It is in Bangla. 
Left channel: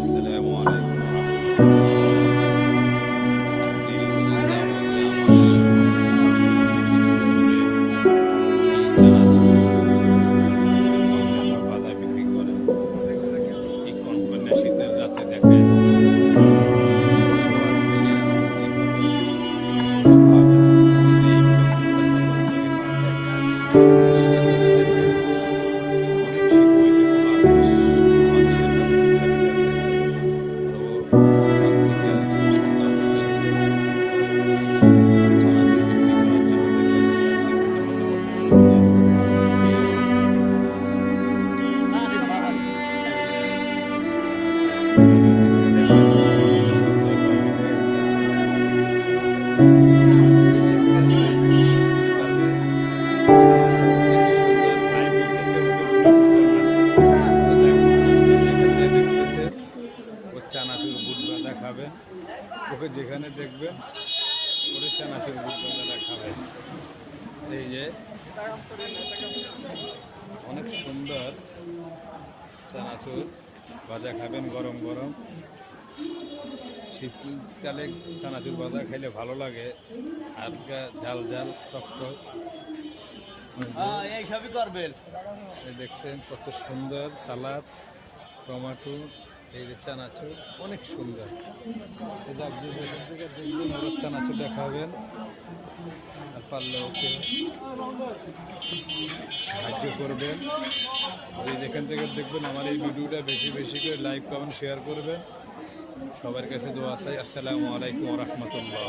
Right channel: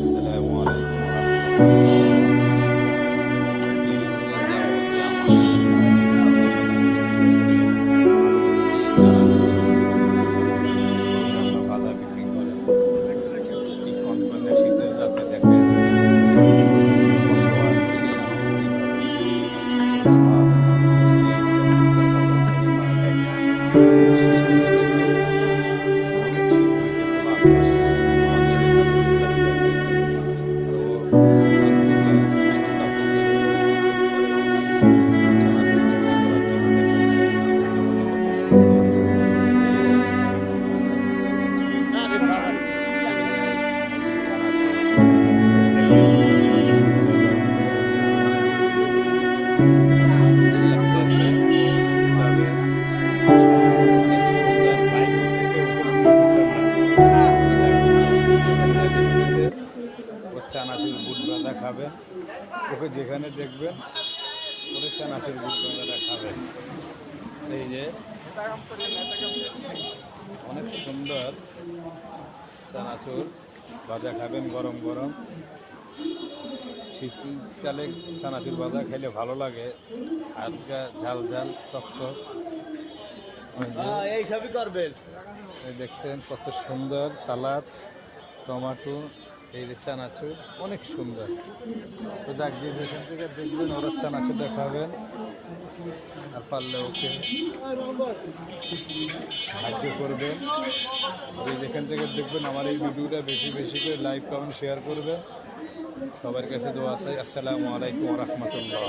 আসসালামু আলাইকুম রহমতুল্লাহ। বাধা বিক্রি করেন এই কনকনে শীতের রাতে দেখেন অসহায় হয়ে অনেক শীত হইতেছে বাতাস আমাদের চানাচুর বুট ভাজা খাবেন, ওকে যেখানে দেখবেন ওরে চানাচুর বুট ভাজাটা খাবেন। এই যে অনেক সুন্দর চানাচুর ভাজা খাবেন গরম গরম। শীতকালে চানাচুর ভাজা খাইলে ভালো লাগে, হালকা ঝাল ঝাল টক টক। এই সবই করবেন। এই দেখছেন কত সুন্দর সালাদ, টমেটো, এই যে চানাচুর অনেক সুন্দর। তো দেখ যে যেখান থেকে দেখবেন ওরা চানাচুর দেখাবেন, আর পারলে ওকে সাহায্য করবেন। যে যেখান থেকে দেখবেন আমার এই ভিডিওটা বেশি বেশি করে লাইক কমেন্ট শেয়ার করবেন। সবার কাছে দোয়া চাই। আসসালামু আলাইকুম রহমতুল্লাহ।